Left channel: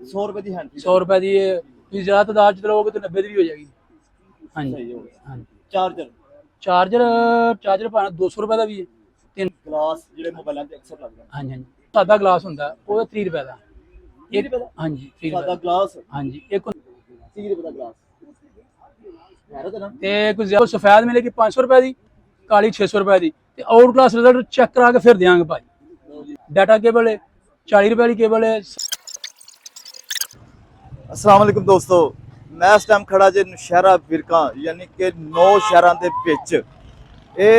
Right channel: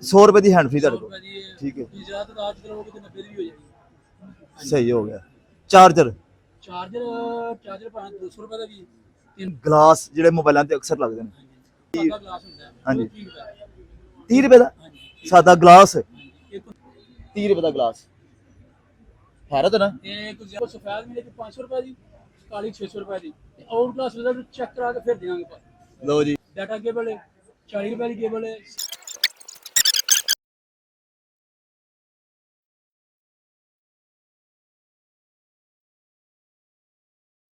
100 रुपए की hand free 100 रुपए की ठीक है ਤੁਸੀਂ ਜ਼ਿਆਦਾ ਤਾਦਾਦ ਚ ਲਓਗੇ ਤਾਂ 90 ਦੀ ਵੀ ਹੋ ਜਾਏਗੀ। ਹਾਂਜੀ सही हो गया। ਹਾਂਜੀ चार्जर ਚਾਰਜਰ ਚਾਰਜਰ ਭਾਵੇਂ 200 ਰੁਪਏ ਦਾ ਵੀ ਹੈ। ਤਿੰਨ ग्लास ਜਿਹੜੇ ਮੋਬਾਈਲਾਂ ਤੇ ਅਕਸਰ ਲੱਗਦੇ ਨੇ ਹਾਂਜੀ ਹਾਂਜੀ ਸਾਦਾ ਗਲਾਸ ਹੁੰਦਾ ਉਹ ਹਾਂਜੀ। 30 ਰੁਪਏ ਦਾ 30 रुपए ਦਾ ਹਾਂਜੀ 30 ਸਾਦਾ ਰੁਪਏ ਗਲਾਸ ਦਾ। ਹਾਂਜੀ ਇੱਕ 30 रुपए ਦਾ ਗਲਾਸ ਹੈਰਤ ਨਾ ਤੇ ਕੋਈ ਜ਼ਿਆਦਾ ਸਫੈਦ ਮਿਲੇਗੀ 500 ਰੁਪਏ ਦੀ ਕਾਲੀ 600 ਰੁਪਏ ਦੀ ਤੇ ਆਊਟ ਕਲਾਸ ਰਿਜ਼ਲਟ ਚੈੱਕ ਕਰਾ ਕੇ ਫਿਰ ਦਿਆਂਗੇ ਭਾਈ। ਲਓ ਜੀ। ਡਾਟਾ ਕੇਬਲ ਹੈ 40 ਰੁਪਏ ਵਾਲੀ ਕੇਬਲ ਹੈ। अस्सलाम वालेकुम दोस्तों, मैं इस टाइम खड़ा जे नौशहरा विरका यानी कि 9 शहरों के विच ये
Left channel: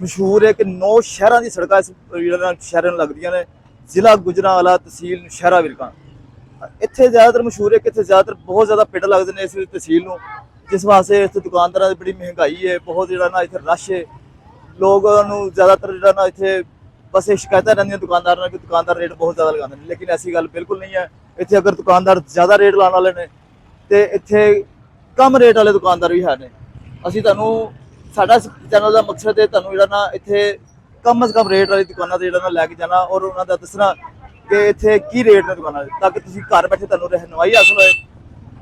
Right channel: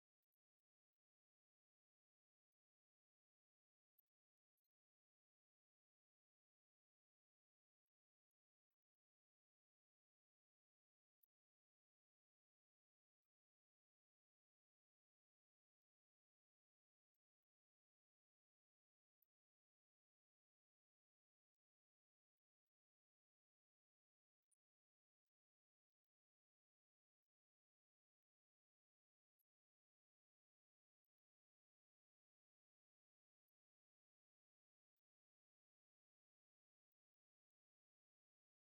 मशहूर है कि 9 शहरों की सड़क शहरों लगदियां ने जिला गुजरांवाला तहसील नौशहरा विरका। इत्थे ज़्यादातर मशहूर है कि इत्थे ज़्यादातर बहुत ज़्यादा पिंड लगते हैं इस तहसील नूं, जिस वास्ते इत्थे दुकानदारां दी बड़ी महंगाई है, बहुत जिहड़ा ना इत्थे रश है। लोगों नूं ज़्यादातर जिहड़ा ना इत्थे बस ये शिकायतां रहिंदियां दुकानदारां कि दुकानदार रेट बहुत ज़्यादा लगांदे ने, लेकिन ऐसी गल बिल्कुल नहीं है। इत्थे अगर दुकानदार ज़्यादा रेट लाने वाले ने ते इत्थे कम रेट वाले दुकानदार भी है ने। असीं तुहानूं साडा चैनल का मकसद है तुहानूं जिहड़ा ना इत्थे कम से कम रेट वाली दुकानां ते जिहड़ा ना लैके जाना और उन्हां दा दसना कि इत्थे की रेट ने दुकानां दे, ताकि तुसीं घर बैठे तुहानूं रहनुमाई हासिल होए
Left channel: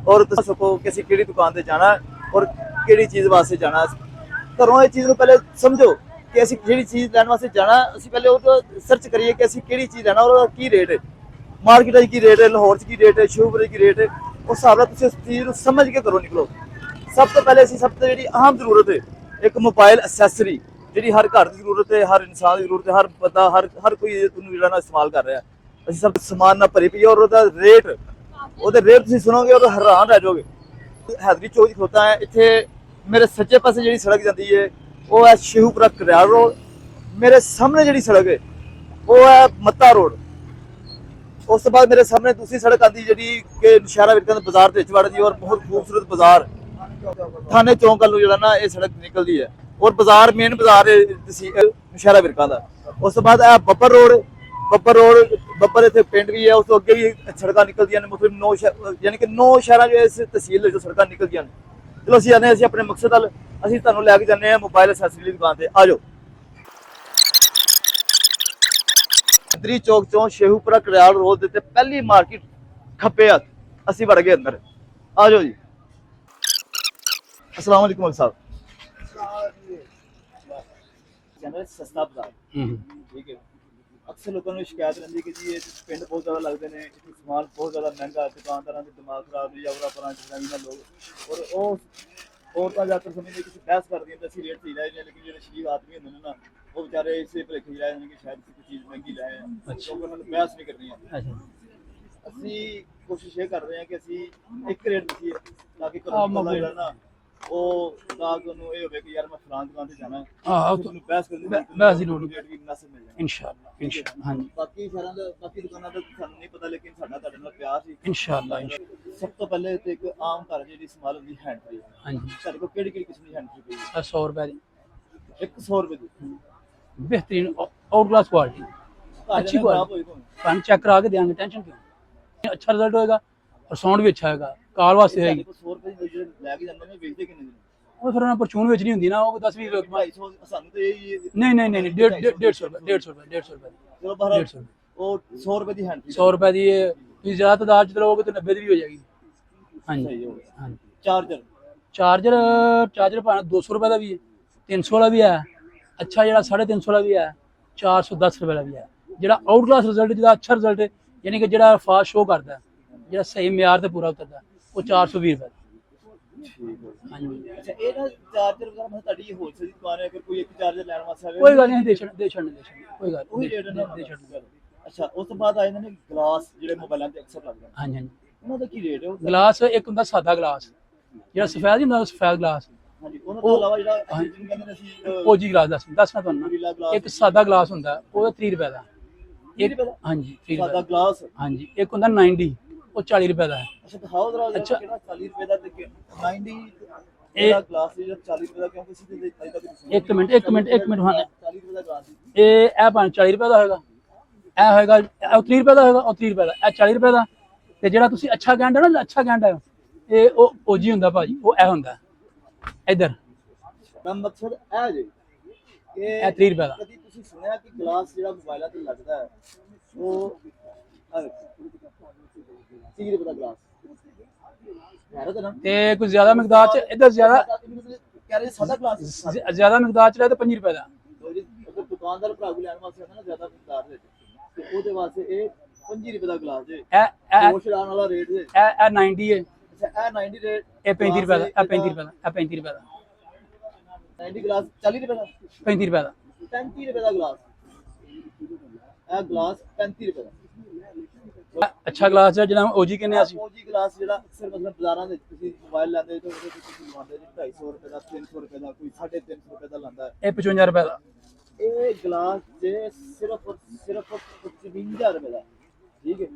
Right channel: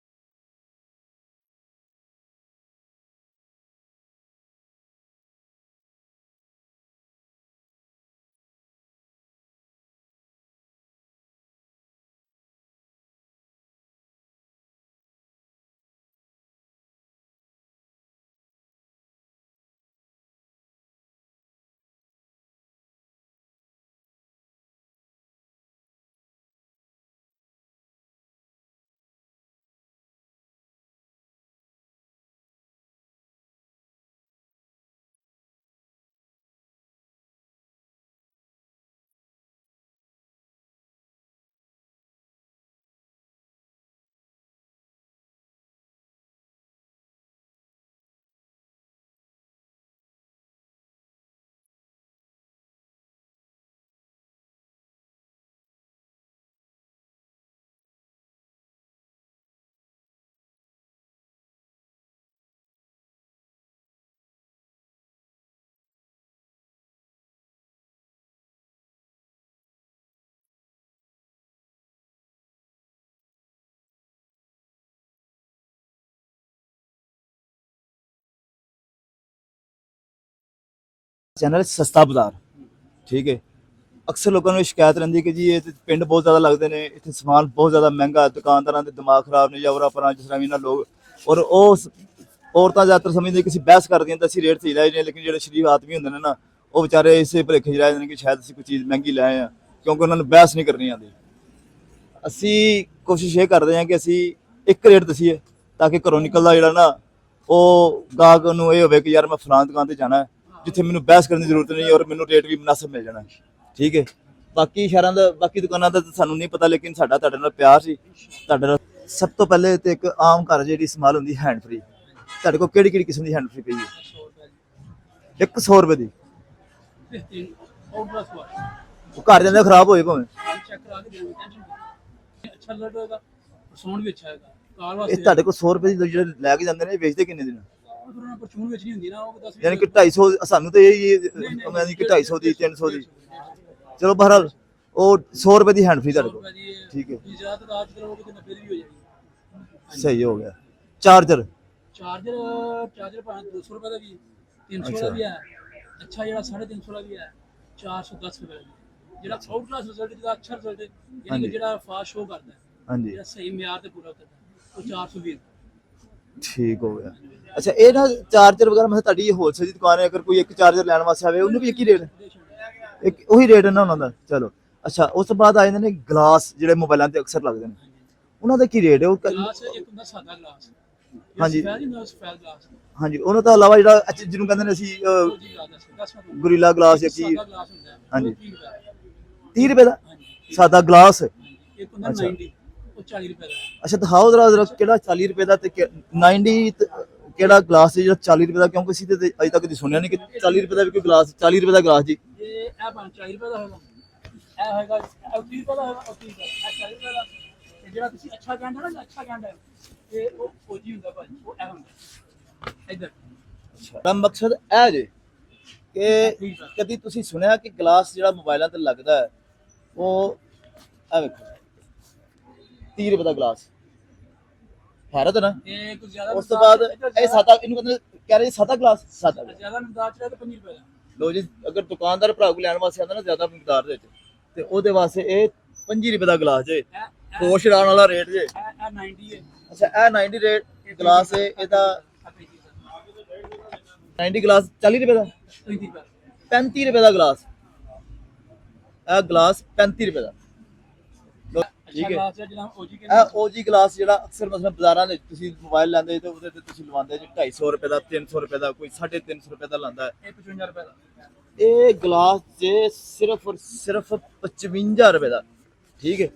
और तुसीं सको कि असीं किहड़ी दुकान ते जाना है और किहड़ी चीज़ वास्ते जाना है। घरों इस चीज़ नूं पहले समझो कि असीं जिहड़ी चीज़ लैण वास्ते जाना असीं पहले वो सर्च करिए कि असीं किहड़ी चीज़ लैना और ओहदा की रेट है, मार्केट की रेट है, लाहौर की रेट है, शिवपुरी की रेट है। उस हिसाब नाल तुसीं उस चीज़ नूं समझ के घरों निकलो। सब तो पहले असीं सब तो जिहड़ी अहम जरूरत है एक मोबाइल असैसरी जिहड़ी हर घर की जरूरत है, हर इंसान की जरूरत है, हर बंदा हर कोई उहनूं जिहड़ा ना इस्तेमाल कर रहा है। असीं सब समान ना भरी पई है और ओहदा रेट तुसीं सुनोगे और हैरान रह जाओगे। हैदरी चौक खलोता है इत्थे मेरे सज्जे पासे जिहड़ी सड़क जाती है वो है शेहूपुरा करियाल रोड, मेरे सामने जिहड़ी सड़क है वो है मत्ता रोड। उस तो बाद मेरे सामने दूसरी सड़क आती है जी कि नौशहरा विरका दे बाजार दे विच वड़दी और बहुत खूबसूरत बाजार थाने चौक वालों जिहड़ा ना ये सड़क निकलती है और बाजार मेन बाजार है नौशहरा विरका दा। उस तो बाद बब्बर रोड बब्बर इत्थे पिंड भी है, उस तो अगे भी सड़कां निकलदियां ने, मतलब 9 यानी कि 9 शहरां जो इस तहसील जो सड़कां निकलदियां ने। चलो असीं आने असीं अपने मकसद वल असीं तुहानूं लैके जाने आ मोबाइल असैसरी दी दुकान ते। आ जाओ। हैदरी चौक चों शेहूपुरा करियाल रोड दे पहली मार्केट खब्बे हत्थ असीं वड़ गए अंदर। आ जाओ जी। अस्सलाम वालेकुम मलिक साहब। चैनल सस्ता बाजार ठीक है। अक्सर लोगों को शिकायत रही कि जी ये पिंड बहुत ज़्यादा लगते हैं, इतने समान बहुत ज़्यादा महंगा, दुकानदारों के दिमाग खराब ने या और अपना जिस तरह इन्होंने लोग और औरतें ज़्यादातर समझते कि बहस कर दी तो असं रेट सही लै जाने, लेकिन जो शरीफ आदमी होंगे ना वो बेचारे इस भुलेखे च रह जाते हैं कि शायद असीं कोई चीज़ महंगी लै आए हैं क्योंकि उन्होंने बहस नहीं करनी आती। असी कोशिश ये करते हैं कि असी एक रेट दसीए ताकि घरों निकलदा जिहड़ा ना वो गाहक नूं ये होवे कि यार मैं फलां दुकान ते जाना है, इत्थे मैनूं बहस करने की जरूरत नहीं और मैनूं रेट भी मुनासिब मिल जाना इंशाअल्लाह ठीक है। बाकी शहरां दा बाकी दुकानां दा सानूं नहीं पता, लेकिन साडा तुहाडे नाल प्यार सी इंशाअल्लाह। तुहाडे नाल। सब तो पहले ते एक आम घर जिहड़ी इस्तेमाल हुंदी हैंड फ्री, ਹਾਂਜੀ तुहाडे कोल किहड़ी किस्म दी हैंड फ्री पई है? 100 रुपए ਦੀ 100 रुपए दी बेहतरीन आउट क्लास क्वालिटी घर जांदे खराब होए भावें हम चेक करा के देंगे, टेंशन क्यों। अच्छा रिजल्ट होएगा और साउंड भी अच्छा होएगा। काल ਇਹ वास्ते ਤੁਹਾਡੇ ਕੋਲ 100 ਰੁਪਏ ਦੀ ਜਿਹੜੇ ਲੈ ਕੇ ਜਾਂਦੇ ਨੇ ਇਹ ਵੇਚਦੇ ਕਿੰਨੇ ਦਿਨ? ਉਹ ਫਿਰ ਉਹਨਾਂ ਪਰਚੂਨ ਵੇਚਣੀ ਹੁੰਦੀ ਨਾ, ਉਹ 10 20 ਯਾਨੀ ਕਿ 250 ਸਾਨੂੰ ਤੇ ਇਹ ਨਹੀਂ ਨਹੀਂ ਨਹੀਂ 250 ਦੀ 300 ਦੀ 150 ਰੁਪਏ ਚਲੋ ਬਹਰਾਲ ਉਹ 100 रुपए ਦੀ हैंड फ्री 100 रुपए ਦੀ ठीक है। ਤੁਸੀਂ ਜ਼ਿਆਦਾ ਤਾਦਾਦ ਚ ਲਓਗੇ ਤਾਂ 90 ਦੀ ਵੀ ਹੋ ਜਾਏਗੀ। ਹਾਂਜੀ सही हो गया। ਹਾਂਜੀ चार्जर ਚਾਰਜਰ ਭਾਵੇਂ 200 ਰੁਪਏ ਦਾ ਵੀ ਹੈ, 300 ਵਾਲਾ ਵੀ ਹੈ, ਅੱਛਾ ਜਿਹੜਾ 350 ਵਾਲਾ ਵੀ ਹੈ, 410 ਰੁਪਏ ਵਾਲਾ ਵੀ ਹੈ। ਜਿਹੜਾ ਆਊਟ ਕਲਾਸ ਰਿਜ਼ਲਟ ਜਿਹਦਾ ਅੱਛਾ ਰਿਜ਼ਲਟ ਹੈ ਯਾਨੀ ਕਿ ਜਿਹੜਾ ਫਾਸਟ ਸ਼ੋ ਕਰਦਾ ਹੈ, हाँ जी ਜਿਹੜਾ ਸਹੀ ਮਿਆਰ ਤੇ ਪੂਰਾ ਉਤਰਦਾ ਉਹ 420 ਰੁਪਏ। ठीक हो गया। ਹਾਂਜੀ अच्छा ये ना चार्जर वगैरह मतलब ਤੁਹਾਡੀ ਹੋਲਸੇਲ ਦੀ ਦੁਕਾਨ ਹੈ, ਅਗਰ ਕੋਈ ਇੱਕ ਚਾਰਜਰ ਲੈਣ ਵਾਸਤੇ ਆਵੇ ਕੋਈ ਗੱਲ ਉਹਦਾ ਕੀ ਨਹੀਂ ਰੇਟ? ਦੇ ਛੱਡਣੇ ਉਹੀ ਰੇਟ ਹੈ ਨਾ ਉਹਨਾਂ ਦਾ? ਚਲੋ ਅੱਛਾ ਉਸ ਤੋਂ ਬਾਅਦ ਆ ਜਾਂਦੇ ਨੇ ਗਲਾਸ ਜਿਹੜੇ ਮੋਬਾਈਲਾਂ ਤੇ ਅਕਸਰ ਲੱਗਦੇ ਨੇ, ਹਾਂਜੀ ਹਾਂਜੀ ਉਹਨਾਂ ਦਾ ਕੀ ਰੇਟ ਹੈ? ਉਹ ਗਲਾਸ ਇੱਕ ਹੁੰਦਾ ਸਾਦਾ ਗਲਾਸ ਜਿਹੜਾ ਹਾਂਜੀ। ਸਫੈਦ ਹੁੰਦਾ, ਸਫੈਦ ਗਲਾਸ ਹਾਂਜੀ ਉਹਨਾਂ ਤੋਂ ਇਲਾਵਾ ਜਿਹੜਾ ਜਿਹਨੂੰ ਕਹਿੰਦੇ ਨੇ ਅਸੀਂ ਫੌਜੀ ਗਲਾਸ ਦੱਸਣਾ ਤੁਹਾਨੂੰ। ਗੁਰੀਲਾ ਗਲਾਸ ਇੱਕ ਸਾਦਾ ਗਲਾਸ ਹੁੰਦਾ ਉਹ 30 ਰੁਪਏ ਦਾ। 30 ਰੁਪਏ ਦਾ ਹਾਂਜੀ 30 ਸਾਦਾ ਗਲਾਸ? ਹਾਂਜੀ ਇੱਕ ਹੁੰਦਾ 90 ਉਹ 40 ਰੁਪਏ ਦਾ ਹੈ। ਅੱਛਾ ਦਿਖਾਓ ਜਰਾ ਕਿਹੜਾ 40 ਰੁਪਏ ਦਾ ਤੇ 90 ਕਿਹੜਾ ਗਲਾਸ ਹੈ ਜਿਹੜਾ 40 ਰੁਪਏ ਦਾ? ਕਿਉਂਕਿ ਅਸੀਂ ਤੇ ਅਜੇ ਤੱਕ ਸੁਣਿਆ ਨਹੀਂ ਕਿ 40 ਰੁਪਏ ਦਾ ਵੀ ਗਲਾਸ 40 ਰੁਪਏ ਦਾ ਗਲਾਸ ਜੀ। ਇਹ ਭਾਵੇਂ 40 ਰੁਪਏ ਦਾ ਹੋਏਗਾ, ਇਹ ਹੋਏਗਾ ਉਹ 30 ਰੁਪਏ ਦਾ ਹੋਏਗਾ, ਉਹ 30 ਰੁਪਏ ਦਾ, ਇਹ 40 ਰੁਪਏ ਦਾ। ਤੇ ਜਿਹੜਾ ਤੁਸੀਂ ਅੱਛਾ ਕਹਿੰਦੇ ਹੋ ਨਾ, ਅੱਛਾ ਕਹਿੰਦਾ ਇਹ ਉਹ ਫੌਜੀ ਹੁੰਦਾ ਭਾਜੀ, ਉਹ ਇਹ ਹੁੰਦਾ ਇਧਰ। ਤਾਂ ਮਕਸਦ ਇਹ ਜੇ ਇਹ 30 ਰੁਪਏ ਦਾ। ਕਦੀ ਤੁਸੀਂ ਸੁਣਿਆ ਕਿ ਗਲਾਸ ਜਿਹੜਾ ਮੋਬਾਈਲਾਂ ਤੇ ਲੱਗਦਾ ਹੈ ਉਹ ਆ ਵੇਖੋ 30 ਰੁਪਏ ਦਾ ਗਲਾਸ ਹੈਰਤ ਨਾ। ਤੇ ਕੋਈ ਜ਼ਿਆਦਾ ਮਿਕਦਾਰ ਚ ਇਧਰ ਜ਼ਿਆਦਾ ਇਹਨੂੰ ਕਹਿੰਦੇ ਕਹਿ ਰਹੇ ਸਾਦਾ ਗਲਾਸ ਜ਼ਿਆਦਾ ਮਿਕਦਾਰ ਚ ਲੈ ਤਾਂ 5 ਰੁਪਏ ਦਾ। ਲੋ ਜੀ, ਅਗਰ ਦੁਕਾਨਦਾਰ ਭਰਾ ਕੋ ਲੈਣ ਵਾਸਤੇ ਆਉਂਦਾ ਨਾ ਜ਼ਿਆਦਾ ਮਿਕਦਾਰ ਦੇ ਵਿੱਚ, ਤੇ ਉਹਦੇ ਵਾਸਤੇ ਇਹ 5 ਰੁਪਏ ਦਾ ਗਲਾਸ ਜੇ, ਇਹ ਕੋਸ਼ਰਾਨ ਵਾਲਾ ਰੇਟ ਜੇ। ਇਹ 90 ਹੈ। ਅੱਛਾ, ਇਹ 90 ਰੇਟ, ਇਹ 35 ਰੁਪਏ ਦਾ, ਇਹ 35 ਰੁਪਏ ਦਾ, ਇਹ 35 ਰੁਪਏ ਦਾ। 90 ਗਲਾਸ 40 ਰੁਪਏ ਦਾ, 35 ਰੁਪਏ ਦਾ, 35 ਰੁਪਏ ਦਾ ਗਲਾਸ। ਇਹ ਗਲਾਸ 35 ਰੁਪਏ ਦਾ ਅੱਛਾ ਗਲਾਸ ਹੈ ਜਿਹਦਾ ਓਜੀ ਕਹਿੰਦੇ ਆ। ਓਜੀ ਗਲਾਸ ਜਿਹੜਾ ਅਕਸਰ ਮਤਲਬ ਬਾਜ਼ਾਰਾਂ ਦੇ ਤੁਸੀਂ ਮੋਬਾਈਲ ਲੈਂਦੇ ਤੇ ਉਹਦੇ ਤੇ ਤੁਸੀਂ ਲਵਾਉਂਦੇ ਜੀ 250 ਰੁਪਏ ਦਾ, 300 ਰੁਪਏ ਦਾ, ਕੋਈ 350 ਰੁਪਏ ਦਾ ਲਾਂਦਾ ਹੈ। ਇਹ 55 ਰੁਪਏ ਦਾ। ਇਹ ਗਲਾਸ ਜੇ ਸਿਰਫ ਔਰ ਸਿਰਫ 55 ਰੁਪਏ ਦਾ, ਠੀਕ ਹੈ,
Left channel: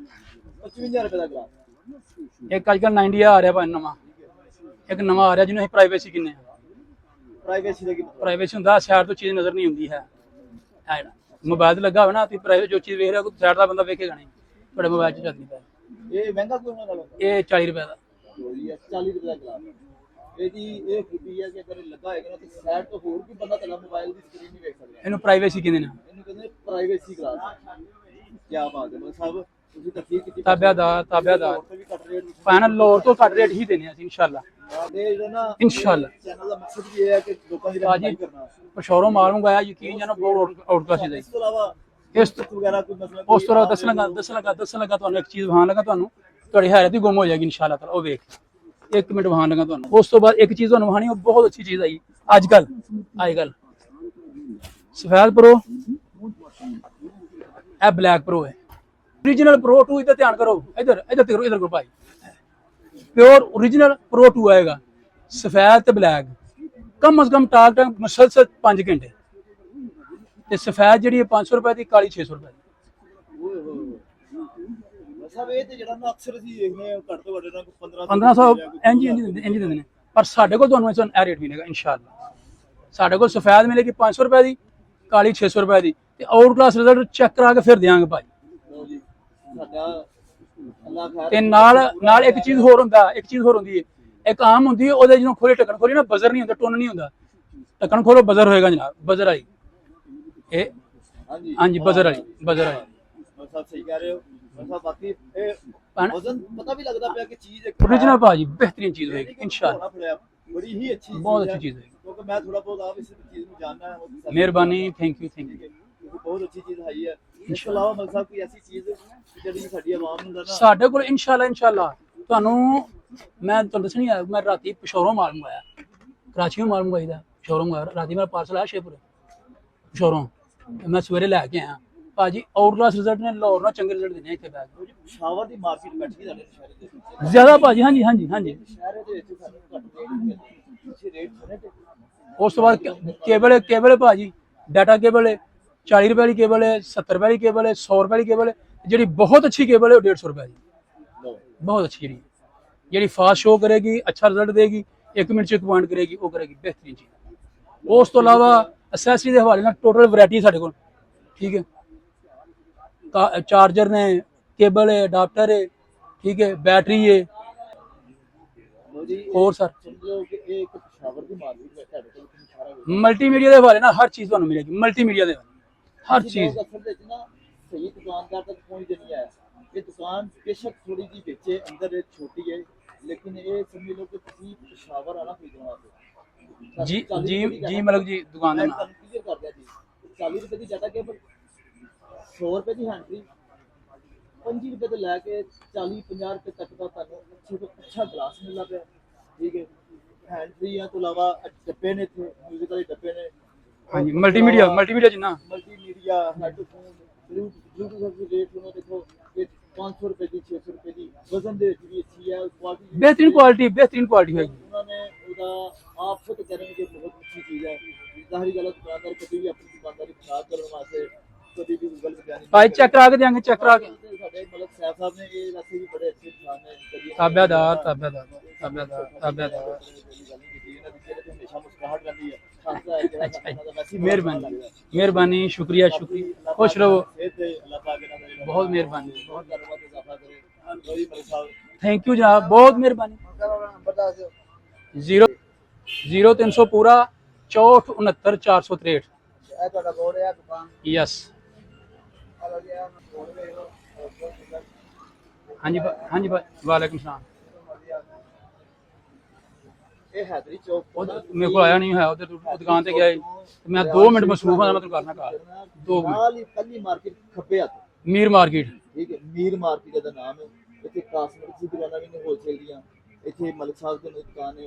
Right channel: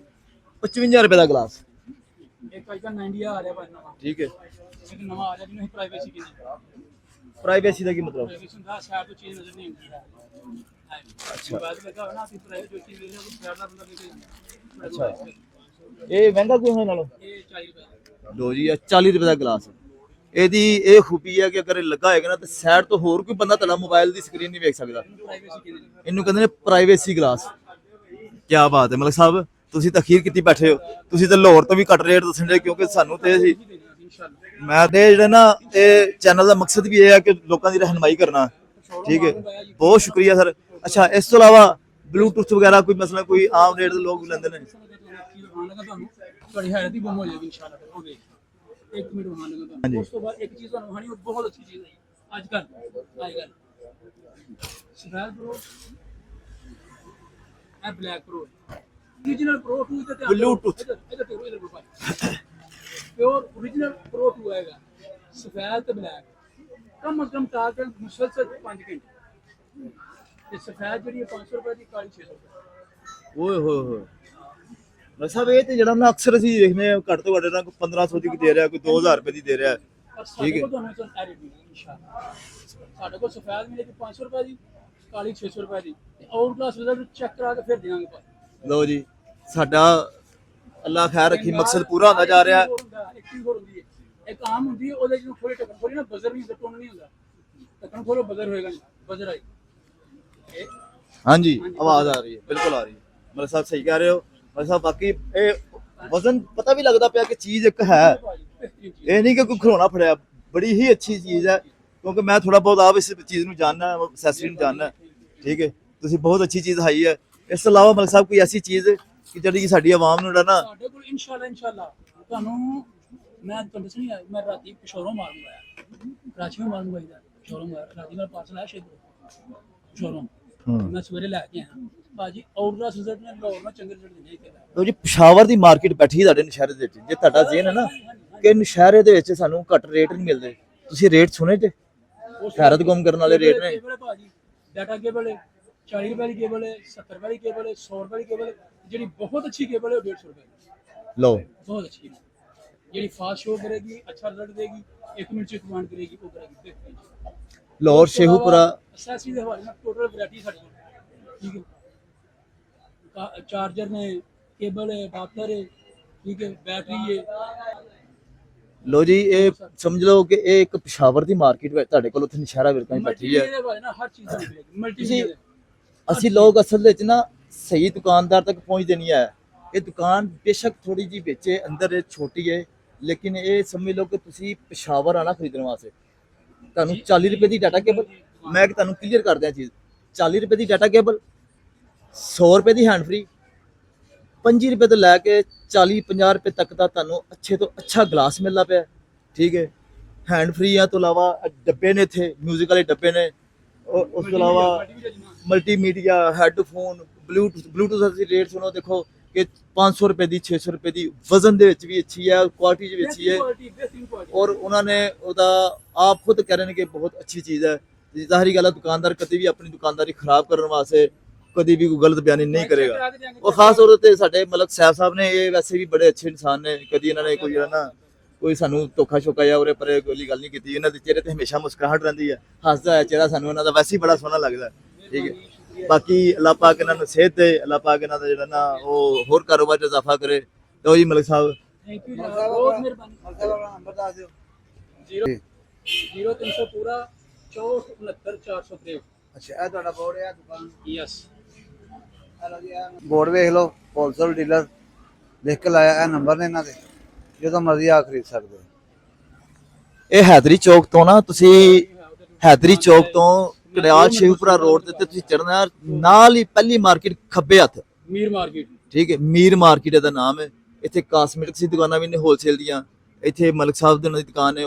55 ਰੁਪਏ ਦਾ ਗਲਾਸ। ਇੱਕ ਅੱਜ ਕੱਲ 90 ਆ ਰਿਹਾ ਭਾਈ ਨਵਾਂ, ਠੀਕ ਹੈ, ਇੱਕ ਨਵਾਂ ਆ ਰਿਹਾ ਜਿਹਨੂੰ ਅਸੀਂ ਪ੍ਰਾਈਵੇਸੀ ਕਿੰਨੇ। ਪ੍ਰਾਈਵੇਸੀ ਦਾ ਕੀ ਮਤਲਬ? ਪ੍ਰਾਈਵੇਸੀ ਹੁੰਦਾ ਸਾਈਡ ਤੋਂ ਚੀਜ਼ ਨਜ਼ਰ ਨਹੀਂ ਹੁੰਦੀ ਹੈ। ਮੋਬਾਈਲ ਤੇ ਲੱਗਾ ਹੋਵੇ ਨਾ, ਤੁਸੀਂ ਪ੍ਰਾਈਵੇਟ ਜੋ ਚੀਜ਼ ਵੇਖ ਰਿਹਾ ਕੋਈ ਸਾਈਡ ਦਾ ਬੰਦਾ ਵੇਖੇਗਾ ਨਹੀਂ, ਤੁਹਾਡੇ ਮੋਬਾਈਲ 'ਚ ਚੱਲਦੀ ਹੈ। ਇਹ ਮਹਿੰਗਾ ਕਿਉਂ ਹੈ ਨਾਲੋਂ? ਇਹ 40 ਰੁਪਏ ਦਾ। ਲੋ ਜੀ, ਇਹ 40 ਰੁਪਏ ਦਾ ਗਲਾਸ। ਇਹਦੀ ਇਹ ਖੂਬੀ ਹੈ ਕਿ ਅਗਰ ਇਹ ਲੱਗਾ ਹੋਏਗਾ ਨਾ ਤੇ ਸਾਈਡ ਤੋਂ ਹੋਰ ਕੋਈ ਬੰਦਾ ਤੁਹਾਡਾ ਮੋਬਾਈਲ ਦੀ ਸਕਰੀਨ ਨਹੀਂ ਵੇਖ ਸਕਦਾ। ਇਹਨੂੰ ਪ੍ਰਾਈਵੇਸੀ ਕਹਿੰਦੇ ਨੇ। ਇਹਨੂੰ ਕਹਿੰਦੇ ਨੇ ਪ੍ਰਾਈਵੇਸੀ ਗਲਾਸ। ਕੀ ਬਾਤ ਹੈ ਮਲਕ ਸਾਹਿਬ, ਤੁਸੀਂ ਤਾਂ ਅਖੀਰ ਕੀਤੀ ਬੈਠੇ ਹੋ। ਤੁਸੀਂ ਤਾਂ ਲਾਹੌਰ ਤੋਂ ਵੀ ਘੱਟ ਰੇਟ ਦੱਸਣੇ, ਕਿਉਂਕਿ ਸਾਨੂੰ ਤੇ ਹੀ ਦੇਣੇ ਅਸੀਂ ਇਨਸ਼ਾਅੱਲਾ। ਮੈਂ ਤੇ ਜਿਹੜਾ ਨਾ ਇਹ ਚੈਨਲ ਦਾ ਮਕਸਦ ਵੀ ਇਹ ਹੈ ਕਿ ਲੋਕਾਂ ਦੀ ਰਹਿਨਮਾਈ ਕਰਨਾ। ਪਸ਼ੌਰੋਂ ਮਾਰੂੰਗਾ ਜੀ। ਬਹੁਤ ਸ਼ੁਕਰੀਆ ਸਰ। ਅੱਛਾ, ਇਸ ਤੋਂ ਇਲਾਵਾ ਬਲੂਟੁੱਥ ਵਗੈਰਾ ਕੋਈ ਮਸਲਾ ਕੋਈ ਆਮ ਰੇਟ ਲੋਕ ਦੱਸਣ ਲੱਗਾ ਤੁਹਾਨੂੰ ਇੱਕ ਚੀਜ਼ ਵਿਖਾਉਣ ਲੱਗਾ, ਤੁਹਾਨੂੰ ਤੁਹਾਡੀ ਹੈਰਤ ਹੀ ਗੁੰਮ ਹੋ ਜਾਏਗੀ ਇਨਸ਼ਾਅੱਲਾ। ਉਹ ਵੇਖ, 1 ਮਿੰਟ ਵਿਖਾਉਣ ਲੱਗਾ ਤੁਹਾਨੂੰ। ਉਸ ਤੋਂ ਬਾਅਦ ਇੱਕ ਚੀਜ਼ ਤੁਹਾਨੂੰ ਵਿਖਾਣੀ, ਉਹ ਬਹੁਤ ਅੱਛੀ ਚੀਜ਼ ਆਈ ਅੱਜ ਕੱਲ ਸਫੈਦ ਪ੍ਰੋ, ਇਹ ਬਲੈਕ ਪ੍ਰੋ ਹੈ। ओरिजिनल प्रो 2 इधर ध्यान करो, इधर इधर करो, इधर करो भाई। प्योर ओरिजिनल प्रो 2 आएगा, सफेद ते ब्लैक, कम से कम टाक टाक मुसलसल 5 घंटे। ते सफेद ਜਿਹੜੀ 500 ਰੁਪਏ ਦੀ, ਕਾਲੀ 600 ਰੁਪਏ। ਓਏ ਹੋਏ ਹੋਏ ਸਾਹਿਬ, ਇਹ ਤੇ ਜਿਹੜਾ ਨਾ ਅਕਸਰ ਅਸੀਂ ਦੇਖਦੇ ਆ ਘੱਟ ਤੋਂ ਘੱਟ ਨਾ 1500 ਦੇ ਰਿਹਾ, ਕੋਈ 2000 ਰੁਪਏ ਦੀ ਦੇ ਰਿਹਾ, ਪਰ ਸਾਡੇ ਕੋਲ ਤੁਹਾਨੂੰ ਇਹ ਰੇਟ ਮਿਲੇਗਾ ਇਨਸ਼ਾਅੱਲਾ। ਸਾਡੇ ਕੋਲ ਸਫੈਦ ਮਿਲੇਗੀ 500 ਰੁਪਏ ਦੀ, ਕਾਲੀ 600 ਰੁਪਏ ਦੀ, ਤੇ ਆਊਟ ਕਲਾਸ ਰਿਜ਼ਲਟ ਚੈੱਕ ਕਰਾ ਕੇ ਫਿਰ ਦੇਵਾਂਗੇ ਭਾਈ। ਲਓ ਜੀ, ਸਾਡਾ ਅੱਲਾਹ ਖੈਰ ਰੱਖੇ, ਨਾਲ ਪੂਰਾ ਹੋ ਜਾ ਰਿਹਾ। ਇੱਕ ਚੀਜ਼ ਹੋਰ ਹੁੰਦੀ ਹੈ, ਇੱਕ ਆਮ ਹੁੰਦੀ ਹੈ, ਉਹਦੇ ਜਿਹਨੂੰ ਖੋਲੀ ਢੱਕਣ ਖੋਲੀ ਨਾ, ਬਜ਼ਰ ਨਹੀਂ ਹੁੰਦਾ, ਟੁੰਨ ਨਹੀਂ ਹੁੰਦਾ। ਢੱਕਣ ਖੋਲੋ ਬਜ਼ਰ ਹੋਏਗਾ ਜਨਾਬ, ਬਜ਼ਰ ਆਈ। ਇਹ ਹਾਂਜੀ ਹਾਂਜੀ, ਬਜ਼ਰ ਆ ਰਹੀ, ਬਜ਼ਰ ਆ ਰਹੀ। ਮਤਲਬ ਸਾਹਿਬ ਸਹੀ ਕਹਿ ਰਹੇ ਹੋ ਮਤਲਬ ਸਾਹਿਬ, ਬਾਕੀ ਇਹ ਵਜ਼ਨ ਪਤਾ ਵੀ ਲੱਗਦਾ ਪਿਆ ਕਿ ਚੀਜ਼ ਇੱਕ ਹੈ ਭਾਜੀ, ਬਿਹਤਰੀਨ ਚੀਜ਼। ਇਹ ਨਹੀਂ ਕਿ ਕੋਈ ਖਿਡੌਣਾ ਫੜਿਆ, ਬੜੀ ਹੀ ਅੱਛੀ ਚੀਜ਼ ਹੈ। ਕਿਉਂਕਿ ਮੈਂ ਥੋੜਾ ਬਹੁਤ ਆਪ ਇਸ ਚੀਜ਼ ਨੂੰ ਜਾਣਨਾ, ਮਿਹਰਬਾਨੀ, ਥੈਂਕ ਯੂ। ਠੀਕ ਹੈ, ਤੁਸੀਂ ਬਹੁਤ ਅੱਛੀ ਚੀਜ਼ ਦਿਖਾਈ ਹੈ। ਇਸ ਤੋਂ ਇਲਾਵਾ ਮਲਕ ਸਾਹਿਬ ਕੋਈ ਐਸੀ ਚੀਜ਼ ਕਿ ਜਿਹੜੀ ਸਾਡੀ ਆਵਾਮ ਨੂੰ ਜਿਹੜਾ ਨਾ, ਸਾਡੇ ਕੋਲ ਇਨਸ਼ਾਅੱਲਾ ਤੁਹਾਨੂੰ ਮੈਂ ਤੁਹਾਨੂੰ ਦੱਸਣੀ ਆ, ਮੈਂ ਰਾਤੀ ਪਸ਼ੌਰੋਂ ਮਾਲ ਮੰਗਾਇਆ, ਕਰਾਚੀੋਂ ਮਾਲ ਮੰਗਾਈਦਾ, ਪਸ਼ੌਰੋਂ ਮੰਗਾਇਆ ਰਾਤੀ। ਮੇਰਾ ਪਾਰਸਲ ਆਇਆ ਸ਼ੇਪੁਰ ਪਸ਼ੌਰੋਂ, ਮੈਂ ਸਵੇਰੇ ਲੈ ਕੇ ਆਇਆ ਭਾਜੀ। ਆਊਟ ਕਲਾਸ ਰਿਜ਼ਲਟ ਨੇ, ਲਾਹੌਰ ਨਾਲ ਚੰਗੇ ਰਿਜ਼ਲਟ ਦਿੰਦੇ ਇੱਥੇ ਬੈਠ ਕੇ। ਜੀ ਪਸ਼ਾਵਰ ਦੀ ਮਾਰਕੀਟ ਬੈਠੀ ਤੁਹਾਡੇ ਨਸ਼ਹਿਰੇ ਦੇ ਵਿੱਚ, ਜੇ ਤੁਹਾਡਾ ਜ਼ਿਆਦਾ ਭਾਜੀ। ਹਾਂਜੀ ਹਾਂਜੀ ਹਾਂਜੀ, ਕਿ ਨਸ਼ਹਿਰੇ ਦੇ ਵਿੱਚ ਸਾਨੂੰ ਘੱਟ ਰੇਟ ਨਹੀਂ ਮਿਲਦੇ, ਤੁਸੀਂ ਰੇਟ ਸੁਣੇ ਤੇ ਉਸ ਤੋਂ ਬਾਅਦ ਕੇਬਲ ਭਾਜੀ, ਡਾਟਾ ਕੇਬਲ ਹੈ 40 ਰੁਪਏ ਵਾਲੀ ਕੇਬਲ ਹੈ, 70 ਰੁਪਏ ਵਾਲੀ ਕੇਬਲ ਹੈ, 100 ਰੁਪਏ ਵਾਲੀ ਕੇਬਲ ਹੈ। ਜਿਹੜੀ ਬਹੁਤ ਅੱਛੀ ਕੇਬਲ ਹੈ ਉਹ 150 ਰੁਪਏ ਦੀ। ਲਓ, ਬਹੁਤ ਅੱਛੀ ਜਿਹੜੀ ਫਾਸਟ ਸ਼ੋ ਕਰੇਗੀ, ਅੱਛਾ ਰਿਜ਼ਲਟ ਦੇਗੀ, 1 ਮਿੰਟ 'ਚ 1 ਪੁਆਇੰਟ ਕਰੇਗੀ, ਉਹ ਕਰੇਗੀ ਬਿਹਤਰੀਨ ਚੀਜ਼। ਲਾਹੌਰ ਸ਼ੇਖੂਪੁਰਾ ਅਸੈਸਰੀ ਦੇ ਹਵਾਲੇ ਨਾਲ ਟੋਟਲ ਵੈਰਾਈਟੀ ਸਾਡੇ ਕੋਲ, ਠੀਕ ਹੈ। ਚਾਰਜਰ ਨੇ, ਕੇਬਲ ਹੈ, ਅਡਾਪਟਰ ਹੈ, ਠੀਕ ਹੈ, बैटरी है। लो जी, समझ लो कि ਇਹ ਇੱਕ ਪਸ਼ਾਵਰ ਦੀ ਮਾਰਕੀਟ ਵਿੱਚ ਤੁਹਾਡੇ ਕੋਲ ਉੱਥੇ ਨਸ਼ਹਿਰਾ ਵਿਰਕਾ ਮਲਟੀਮੀਡੀਆ ਦੇ ਹਵਾਲੇ ਨਾਲ ਹਰ ਚੀਜ਼ ਤੁਹਾਨੂੰ ਮਿਲੇਗੀ। ਮਲਟੀਮੀਡੀਆ ਦੇ ਅਸੀਂ ਲੋਕ ਅਸਲ ਵਿੱਚ ਨਾ ਸਹੀ ਦੁਕਾਨਦਾਰ ਤੱਕ ਪਹੁੰਚਦੇ ਨਹੀਂ ਹੈ। ਇਹ ਦੁਕਾਨ ਬੇਸ਼ੱਕ ਥੋੜੀ ਜੀ ਵਿੱਚ ਅੰਦਰ ਛੋਟੀ ਹੈ, ਲੇਕਿਨ ਇਹ ਸਮਝ ਲਓ ਕਿ ਤੁਸੀਂ ਪਸ਼ਾਵਰ ਆਣਾ ਖਰੀਦਣ ਵਾਸਤੇ ਤੁਹਾਨੂੰ 40 ਰੁਪਏ ਦੀ ਡਾਟਾ ਕੇਬਲ, ਮੈਂ ਤੁਹਾਨੂੰ ਕਲੀਅਰ ਕਰ ਦਿਆਂ ਚੀਜ਼, 40 ਰੁਪਏ ਦੀ ਡਾਟਾ ਕੇਬਲ, 100 ਰੁਪਏ ਦੀ ਹੈਂਡ ਫ੍ਰੀ, 5 ਰੁਪਏ ਤੋਂ ਲੈ ਕੇ 40-50 ਰੁਪਏ ਤੱਕ ਦਾ ਤੁਹਾਨੂੰ ਅੱਛੇ ਤੋਂ ਅੱਛਾ ਗਲਾਸ ਮਿਲਦਾ ਪਿਆ, ਠੀਕ ਹੈ। ਹੈਂਡ ਫ੍ਰੀ ਆ ਤੋਂ ਇਲਾਵਾ ਡੱਬੇ ਨੇ, ਇੱਥੇ ਮਿਊਜ਼ਿਕ ਵਾਲੇ ਡੱਬੇ ਨੇ, ਮਲਟੀਮੀਡੀਆ ਜਿੰਨਾ ਮਲਟੀਮੀਡੀਆ, ਹੈਡਫੋਨ, ਬਲੂਟੂਥ ਅਸੀਂ ਰੇਟ ਸੁਣੋ, ਦੇਖੋ ਕਿ 500 ਰੁਪਏ ਦੀ, 600 ਰੁਪਏ ਦੀ, ਵਜ਼ਨ ਦੇ ਵਿੱਚ ਵੀ ਅੱਛੀ ਹੈ, ਕੁਆਲਿਟੀ ਵਿੱਚ ਬਿਹਤਰੀਨ ਕੁਆਲਿਟੀ। ਔਰ ਉਹਨਾਂ ਨੇ ਉਹਦਾ ਆਪ ਖੁਦ ਕਹਿ ਰਹੇ ਨੇ ਕਿ ਬਹੁਤ ਅੱਛੀ ਚੀਜ਼ ਹੈ। ਜ਼ਾਹਰੀ ਗੱਲ ਹੈ, ਦੁਕਾਨਦਾਰ ਕਦੇ ਵੀ ਆਪਣੀ ਦੁਕਾਨਦਾਰੀ ਖਰਾਬ ਕਰਨ ਵਾਸਤੇ ਕਦੀ ਵੀ ਕੋਈ ਗਲਤ ਬਿਆਨੀ ਨਹੀਂ ਕਰੇਗਾ। ਖਾਸ ਤੌਰ ਤੇ ਸਾਡੇ ਮਲਕ ਸਾਹਿਬ ਨੇ, ਇਹ ਵੈਸੇ ਵੀ ਬੜੇ ਅੱਛੇ ਇਨਸਾਨ ਨੇ, ਕਦੀ ਇਹਨਾਂ ਨੇ ਕੋਈ ਸਾਨੂੰ ਧੋਖਾ ਛੋਕਾ ਜਾਂ ਉਰੇ ਪਰੇ ਕੋਈ ਗੱਲ ਨਹੀਂ ਕੀਤੀ। ਇਹਨਾਂ ਦੇ ਚਿਹਰੇ ਤੇ ਹਮੇਸ਼ਾ ਮੁਸਕਰਾਹਟ ਰਹਿੰਦੀ ਹੈ, ਹੱਸਦਾ ਹੋਇਆ ਚਿਹਰਾ ਸਾਨੂੰ ਇਹਨਾਂ ਦਾ ਵੈਸੇ ਹੀ ਬੜਾ ਸੋਹਣਾ ਲੱਗਦਾ। ਮਿਹਰਬਾਨੀ, ਸ਼ੁਕਰੀਆ। ਬਾਕੀ ਅੱਲਾਹ ਪਾਕ ਇਹਨਾਂ ਦੀ ਸਿਹਤ ਤੇ, ਅੱਲਾਹ ਪਾਕ ਇਹਨਾਂ ਦਾ ਜਿਹੜਾ ਨਾ ਉਹ ਹੋਰ ਕਾਰੋਬਾਰ 'ਚ ਇਜ਼ਾਫਾ ਕਰੇ। ਲਓ ਜੀ ਮਲਕ ਸਾਹਿਬ, ਥੈਂਕ ਯੂ ਜਨਾਬ, ਬਹੁਤ ਮਿਹਰਬਾਨੀ। 0300 ਪੂਰਾ 64 69 463। ਅੱਛਾ, ਇਹ ਤੁਹਾਡਾ ਬੋਰਡ ਹੈ ਦੁਕਾਨ? ਯੈਸ, ਹੈਲੋ ਜੀ, ਬੋਰਡ ਵੇਖ ਲਓ, ਹੋਲਸੇਲ ਡੀਲਰ ਦੇਖ ਕੇ ਲਾਇਆ ਇਹ ਹਾਂਜੀ ਨੰਬਰ ਨੇ ਇਹਨਾਂ ਦਾ, ਵਾਲੇਕੁਮ ਸਲਾਮ। ਜਦੋਂ ਮਰਜ਼ੀ ਆ ਖਰੀਦ ਸਕਦੇ ਹੋ। ਇਹ ਹੈਦਰੀ ਚੌਕ ਤੋਂ ਨਾ ਤੁਸੀਂ ਮੈਨੂੰ ਆਇਆ ਨਹੀਂ ਹੋਇਆ ਉੱਧਰ ਹੈਦਰੀ ਦੁਕਾਨ ਤੇ ਚੌਕ ਆਏ। ਤੋਂ ਮੈਂ ਰਿਆਜ 2 ਮਿੰਟ ਸ਼ਿਵਪੁਰਾ ਬਸ ਰੋਡ ਤੇ ਕਰਨਾ ਤੁਸੀਂ ਘਰ। ਚੜਨਾ, 2 ਨਾਲ ਹੀ ਪਹਿਲੀ ਮਾਰਕੀਟ ਖੱਬੇ ਹੱਥ, ਮੀਰ ਮਾਰਕੀਟ। ਠੀਕ ਹੈ, ਮੀਰ ਮਾਰਕੀਟ ਦਾ ਨਾਮ ਹੈ। ਇੱਥੇ ਕਾਸਮੈਟਿਕਸ ਦੀ ਦੁਕਾਨਾਂ ਵੀ ਨੇ ਹੋਲਸੇਲ ਦੀਆਂ, ਇੱਥੇ ਮਲਕ ਸਾਹਿਬ ਦੀ ਉਹਨਾਂ ਦੀ ਦੁਕਾਨ ਹੈ।